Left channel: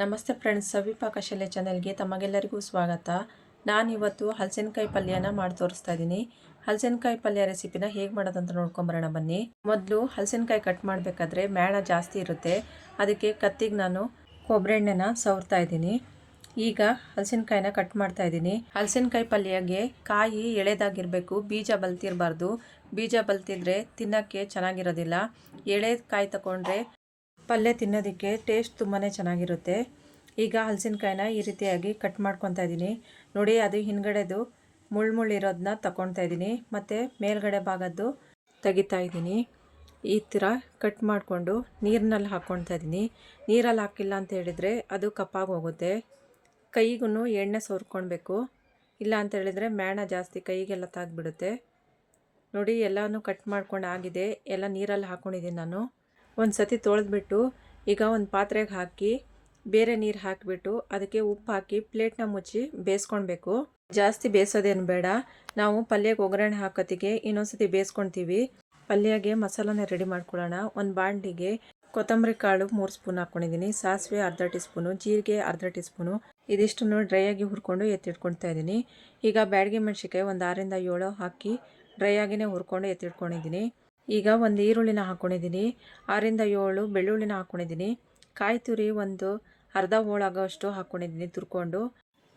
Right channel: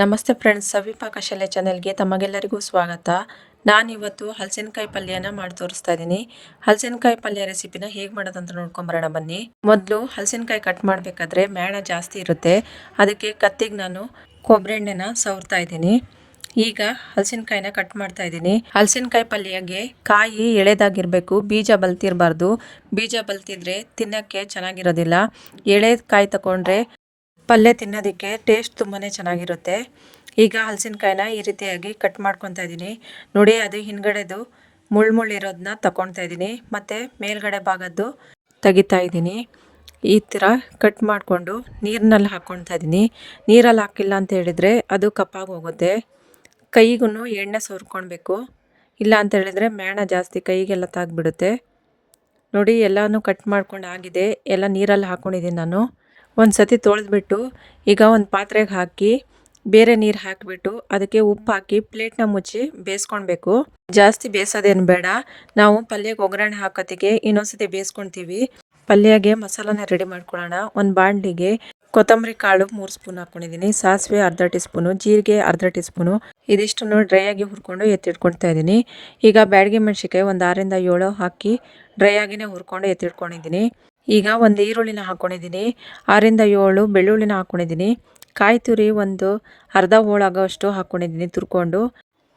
ನಮಸ್ತೆ ಫ್ರೆಂಡ್ಸ್ ಸವಿಪಾ ಕಶಲ್ಯ ಚಾನೆಲ್ಗೆ ತಮಗೆಲ್ಲರಿಗೂ ಸ್ವಾಗತ. ನಾನಿವತ್ತು ಹಲಸಿನಕಾಯಿ ಪಲ್ಯನ ಮಾಡಿ ತೋರಿಸ್ತಾ ಇದ್ದೀನಿ. ಹಲಸಿನಕಾಯಿ ಪಲ್ಯ ರೆಸಿಪಿನ ಹೇಗೆ ಮಾಡೋದಂತ ನೋಡ್ಕೊಂಬರೋಣ ಬನ್ನಿ. ಮೊದಲು ಹಲಸಿನಕಾಯಿ ಕಟ್ ಮಾಡಬೇಕಾದ್ರೆ ಮೇಣ ಜಾಸ್ತಿ ಇರುತ್ತೆ. ಅದಕ್ಕೆ ಕತ್ತಿಗೆ ನಾನು ಕೊಬ್ಬರಿ ಎಣ್ಣೆನ ಸವರ್ತಾ ಇದ್ದೀನಿ. ಈಗ ಹಲಸಿನಕಾಯಿನ ಕಟ್ ಮಾಡ್ತಾ ಇದ್ದೀನಿ. ಹಲಸಿನಕಾಯಿ ಪಲ್ಯಗೆ ಕಾಯಿ ಎಳೆದಾಗಿರಬೇಕು, ಬೀಜ ಬಲ್ತಿರಬಾರ್ದು. ಬೀಜ ಬಲ್ತಿದ್ರೆ ತಿನ್ನೋಕ್ಕೆ ಚೆನ್ನಾಗಿರೋದಿಲ್ಲ. ಎಳೆ ಕಾಯಿ ತಗೊಂಡ್ರೆ ಪಲ್ಯ ತಿನ್ನೋದಕ್ಕೆ ಟೇಸ್ಟ್ ತುಂಬಾ ಚೆನ್ನಾಗಿರುತ್ತೆ. ಈಗ ಹಲಸಿನಕಾಯಿನ ಈ ರೀತಿಯಾಗಿ ಕಟ್ ಮಾಡ್ಕೊತಾ ಇದ್ದೀನಿ ನೋಡಿ, ಅದು ಹಿಂದ್ಗಡೆದು ಮುಳ್ಳು ಇರೋದನ್ನ ತಗೊತಾ ಇದ್ದೀನಿ ಮತ್ತು ಮೇಲ್ಗಡೆ ಭಾಗದ್ದು ತೆಗಿತಾ ಇದ್ದೀನಿ ಈ ಥರ ಕಟ್ ಮಾಡಿಕೊಂಡು ನೀರಿನಲ್ಲಿ ಹಾಕ್ಕೊಳ್ತಾ ಇದ್ದೀನಿ ನೀರಲ್ಲಿ ಹಾಕಿಲ್ಲ ಅಂತ ಹೇಳಿದರೆ ಅದು ಕಪ್ಪಾಗಿ ಹೋಗುತ್ತೆ. ಕೈಗೂ ಎಣ್ಣೆ ಸೋರ್ಕೊಳ್ಬೇಕು. ಇಲ್ಲ ಅಂತ ಹೇಳಿದರೆ ಮೇಣ ಜಾಸ್ತಿ ಕೈಗೆಲ್ಲ ತಾಗ್ಬಿಡುತ್ತೆ. ನೋಡಿ, ಎಲ್ಲನೂ ಕಟ್ ಮಾಡ್ಕೊಂಡು ಆಗಿದೆ. ಎಲ್ಲ ನೀರಲ್ಲಿ ಹಾಕ್ಕೊಂಡಿದ್ದೀನಿ ನಾನು. ಒಂದು ಸತಿ ತೊಳೆದ್ಬಿಟ್ಟು ಈಗ ಒಂದು ಪಾತ್ರೆಗೆ ಹಾಕಿ ಬೇರೆ ನೀರು ಹಾಕಿಬಿಟ್ಟು ಅದಕ್ಕೆ ಉಪ್ಪು ಹಾಕಿ ಪ್ಲೇಟ್ನ ಮುಚ್ಚಿ ಬೇಯಿಸ್ಕೊಳ್ಬೇಕು ಜಾಸ್ತಿ ಬೇಯಿಸೋದೇನು ಬೇಡ. ನಾವು ಪಲ್ಯಕ್ಕೆ ಒಗ್ಗರಣೆ ಹಾಕೋತಿಗೆ ಇನ್ನೊಂದ್ಸತಿ ಬೇಯಿಸ್ಕೊಳ್ತೀವಿ ಪಲ್ಯಗೆ ಮಸಾಲನ ರೆಡಿ ಮಾಡ್ಕೊಳ್ಳೋಣ ಒಂದು ಬಾಣಲಿಗೆ ಕೊತ್ತಂಬರಿ ಕಾಳು ಮೂರು ಸ್ಪೂನ್ ಹಾಕ್ಕೊಂಡಿದ್ದೀನಿ ಸಾಸಿವೆ ಅರ್ಧ ಟೀ ಸ್ಪೂನು ಜೀರಿಗೆ ಅರ್ಧ ಟೀ ಸ್ಪೂನು ಇದಿಷ್ಟನ್ನು ಡ್ರೈ ಆಗಿ ಹುರ್ಕೊಂಡು ಎತ್ತಿಟ್ಕೊಳ್ತಾ ಇದ್ದೀನಿ ಈಗ ಬ್ಯಾಡಿಗೆ ಮೆಣಸಿಕಾಯಿ ಒಂದು ಆರಿಂದ ಏಳು ಹಾಕಿ ಡ್ರೈ ಆಗಿನೇ ಹುರ್ಕೊಂಡು ಎತ್ತಿಟ್ಕೊಂಡಿದ್ದೀನಿ ಈಗ ಒಂದು ಈರುಳ್ಳಿನ ಹಾಕ್ಕೊಂಡಿದ್ದೀನಿ ಆರಿಂದ ಏಳು ಬೆಳ್ಳುಳ್ಳಿನ ಹಾಕ್ಕೊಂಡಿದ್ದೀನಿ ಕಾಯಿ ತುರಿ ಒಂದು ಅರ್ಧ ಹೋಳಾಗೋಷ್ಟು ಹಾಕ್ಕೊಂಡಿದ್ದೀನಿ ತುರ್ಕೊಂಡು.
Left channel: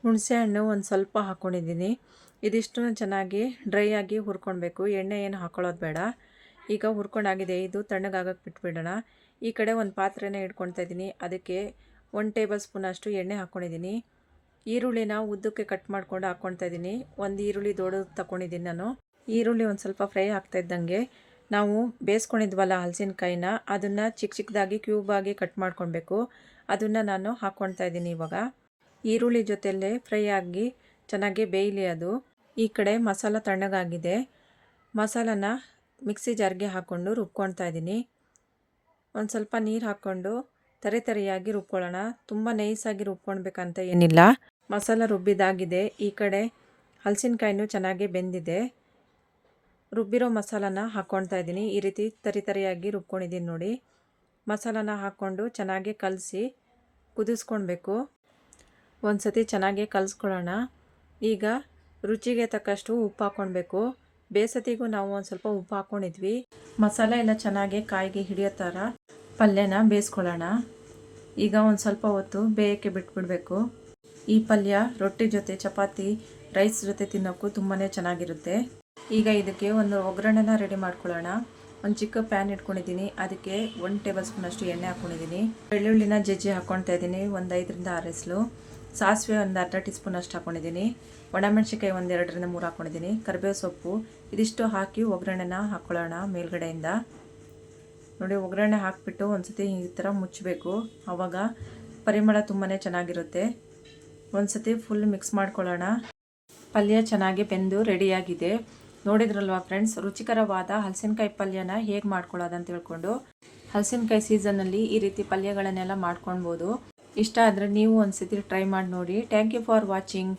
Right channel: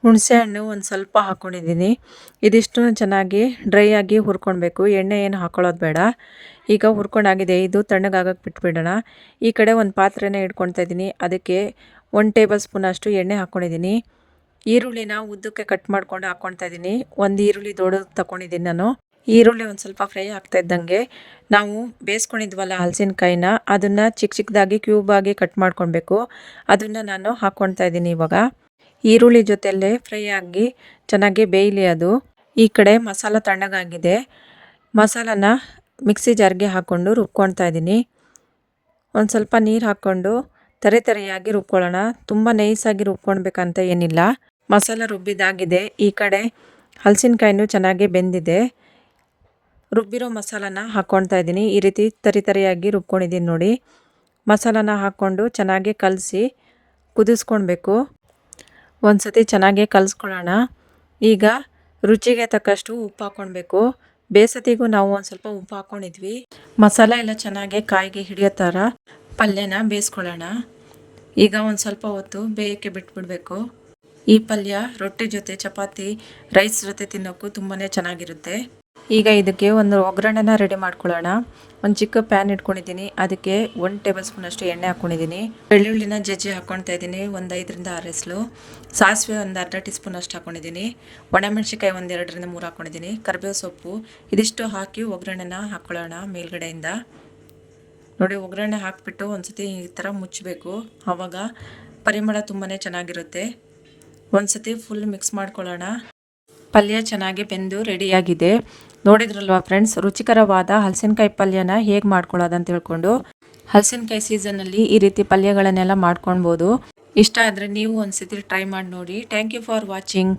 ಹುಣಸೆಹಣ್ಣು ಒಂದು ಸ್ವಲ್ಪ ಹಾಕ್ಕೊಂಡಿದ್ದೀನಿ ಇದಿಷ್ಟು ಚೆನ್ನಾಗಿ ಡ್ರೈ ಆಗಿ ಹುರ್ಕೊಳ್ಬೇಕು ಎಣ್ಣೆ ಏನು ಹಾಕ್ಕೊಳ್ಳೋದು ಬೇಡ. ಈಗ ಹುರ್ಕೊಂಡಾಗಿದೆ. ಇದು ತಣ್ಣಗಾಗಕ್ಕೆ ಬಿಟ್ಬಿಡೋಣ. ಈ ಕಡೆ ಒಂದು ಪಾತ್ರೆನ ಇಟ್ಕೊಳ್ತಾ ಇದ್ದೀನಿ. ಅದಕ್ಕೆ ಒಂದು ಟೇಬಲ್ ಸ್ಪೂನ್ ಅಷ್ಟು ಎಣ್ಣೆ ಹಾಕ್ಕೊಂಡಿದ್ದೀನಿ ಈರುಳ್ಳಿನ ಉದ್ದಕ್ಕೆ ಕಟ್ ಮಾಡ್ಕೊಂಡು ಹಾಕ್ಕೊಳ್ತಾ ಇದ್ದೀನಿ. ಒಂದು ಈರುಳ್ಳಿ ದೊಡ್ಡದು ತಗೊಂಡಿದ್ದೀನಿ ನಾನು. ಈರುಳ್ಳಿ ಒಂದು ಸ್ವಲ್ಪ ಫ್ರೈ ಆಗ್ತಾ ಇದ್ದಂಗೆ ನಾವು ಬೇಯಿಸ್ಕೊಂಡಿದ್ವಲ್ಲ ಹಲಸಿನಕಾಯಿನ, ಅದನ್ನು ಚಿಕ್ಕ ಚಿಕ್ಕದಾಗಿ ಕ್ಯೂಬಾಗಿ ಕಟ್ ಮಾಡ್ಕೊಳ್ಬೇಕು. ಅದನ್ನು ನಾನು ಹಾಕ್ಕೊಳ್ತಾ ಇದ್ದೀನಿ ಇವಾಗ. ಈರುಳ್ಳಿ ಜೊತೆಯಲ್ಲೇ ಫ್ರೈ ಆಗಿ ಚೆನ್ನಾಗಿ ಬೇಯಲಿ ಅದು. ಈ ಕಡೆ ಮಸಾಲ ತಣ್ಣಗಾಗಿದೆ. ಮಸಾಲನ ಮಿಕ್ಸಿ ಜಾರ್ಗೆ ಹಾಕ್ಕೊಂಡು ರುಬ್ಕೊಳ್ತಾ ಇದ್ದೀನಿ. ಒಂದು ಸ್ವಲ್ಪ ನೀರು ಹಾಕ್ಕೊಂಡು ತರೆ ತರೆಯಾಗಿ ರುಬ್ಕೊಳ್ಳೋಣ. ತುಂಬ ನೈಸಾಗಿ ರುಬ್ಕೊಳ್ಬೇಕಂತ ಏನಿಲ್ಲ. ಮಸಾಲ ರುಬ್ಬಿದಾಗಿದೆ. ಈ ಕಡೆ ಹಲಸಿನಕಾಯಿನೂ ಚೆನ್ನಾಗಿ ಬೆಂದಿದೆ. ರುಬ್ಬಿರೋ ಮಸಾಲಾನ ಹಾಕ್ಕೊಳ್ತಾ ಇದ್ದೀನಿ. ಈ ರೀತಿ ತರಿತರಿಯಾಗಿ ರುಬ್ಕೊಂಡಿದ್ದೀನಿ ನೋಡಿ. ಮಸಾಲಾನ ಹಾಕ್ಕೊಂಡು ಚೆನ್ನಾಗಿ ಕಲಸಿ ಕುದಿಸ್ಕೊಳ್ಬೇಕು. ಒಂದು ಸತಿ ಚೆನ್ನಾಗಿ ಕಲಸ್ಕೊಳ್ಳೋಣ. ಈಗ ರುಚಿಗೆ ತಕ್ಕಷ್ಟು ಉಪ್ಪು ಹಾಕ್ಕೊಳ್ಬೇಕು. ಬೇಸತಿಗೂ ನಾವು ಒಂದು ಸ್ವಲ್ಪ ಉಪ್ಪು ಹಾಕ್ಕೊಂಡಿದ್ವಿ. ಮಸಾಲ ಎಲ್ಲ ಚೆನ್ನಾಗಿ ಕಾಯಿಗೆ ಹಿಡಿಯೋ ಥರ ಪಲ್ಯನ ಬೇಯಿಸ್ಕೊಳ್ಳೋಣ. ಈಗ ಒಂದು ಸ್ವಲ್ಪ ಹೊತ್ತು ಬೇಯಕ್ಕೆ ಬಿಟ್ಬಿಡಬೇಕು. ಈ ಪಲ್ಯ ರೊಟ್ಟಿ ಜೊತೆ, ಚಪಾತಿ, ರೈಸ್ ಜೊತೆ ತಿನ್ನೋಕ್ಕೂ ತುಂಬಾ ಚೆನ್ನಾಗಿರುತ್ತೆ. ಈಗ ಇದಕ್ಕೆ ಒಂದು ಒಗ್ಗರಣೆನ ರೆಡಿ ಮಾಡ್ಕೊಳ್ಳೋಣ. ಒಂದು ಚಿಕ್ಕ ಪ್ಯಾನ್ ಇಟ್ಕೊಂಡಿದ್ದೀನಿ. ಅದಕ್ಕೆ ಒಂದು ಟೇಬಲ್ ಸ್ಪೂನ್ ಅಷ್ಟು ಎಣ್ಣೆ ಹಾಕ್ಕೊಂಡಿದ್ದೀನಿ ಬೆಳ್ಳುಳ್ಳಿನ ಜಜ್ಜಿ ಹಾಕ್ಕೊಳ್ತಾ ಇದ್ದೀನಿ. ಒಂದು ಐದರಿಂದ ಆರು ಎಸ್ಲು ಸಾಸಿವೆ ಒಂದು ಅರ್ಧ ಟೀ ಸ್ಪೂನ್ ಅಷ್ಟು ಹಾಕ್ಕೊಂಡಿದ್ದೀನಿ ಒಣಮೆಣ್ಸಿಕಾಯಿ ಒಂದು ಎರಡರಿಂದ ಮೂರು ಹಾಕ್ಕೊಂಡಿದ್ದೀನಿ ಕರಿಬೇವು ಸೊಪ್ಪು. ಇದಿಷ್ಟು ಹಾಕಿ ಒಗ್ಗರಣೆನ ಹಾಕ್ಕೊಳ್ಳೋಣ ಮೇಲ್ಗಡೆಯಿಂದ. ನೋಡಿ, ಒಗ್ಗರಣೆ ಹಾಕಿಬಿಟ್ಟು ಒಂದು ಸತಿ ಈ ಥರ ಮುಚ್ಚಬೇಕು ಆವಾಗ ಪರಿಮಳ ತುಂಬಾ ಚೆನ್ನಾಗಿರುತ್ತೆ. ಒಂದು ಸತಿ ಫುಲ್ ಮಿಕ್ಸ್ ಮಾಡ್ಕೊಳ್ಳೋಣ. ಪಲ್ಯ ಚೆನ್ನಾಗಿ ಬೆಂದು ರೆಡಿಯಾಗಿದೆ ನೋಡಿದ್ರಲ್ವಾ ಫ್ರೆಂಡ್ಸ್ ರುಚಿಕರವಾದ ಹಲಸಿನಕಾಯಿ ಪಲ್ಯನ ಹೇಗೆ ಮಾಡ್ಕೊಳ್ಳೋದಂತ ತಿಳ್ಕೊಂಡು. ಹಲಸಿನಕಾಯಿ ಸೀಸನ್ನಲ್ಲಿ ಈ ರೀತಿ ಪಲ್ಯಗಳನ್ನೆಲ್ಲ ಮಾಡ್ಕೊಳ್ಬೋದು ಇಷ್ಟ ಆದರೆ ನೀವು ಒಂದು ಸತಿ ಟ್ರೈ ಮಾಡಿ ನೋಡಿ. Thank you for watching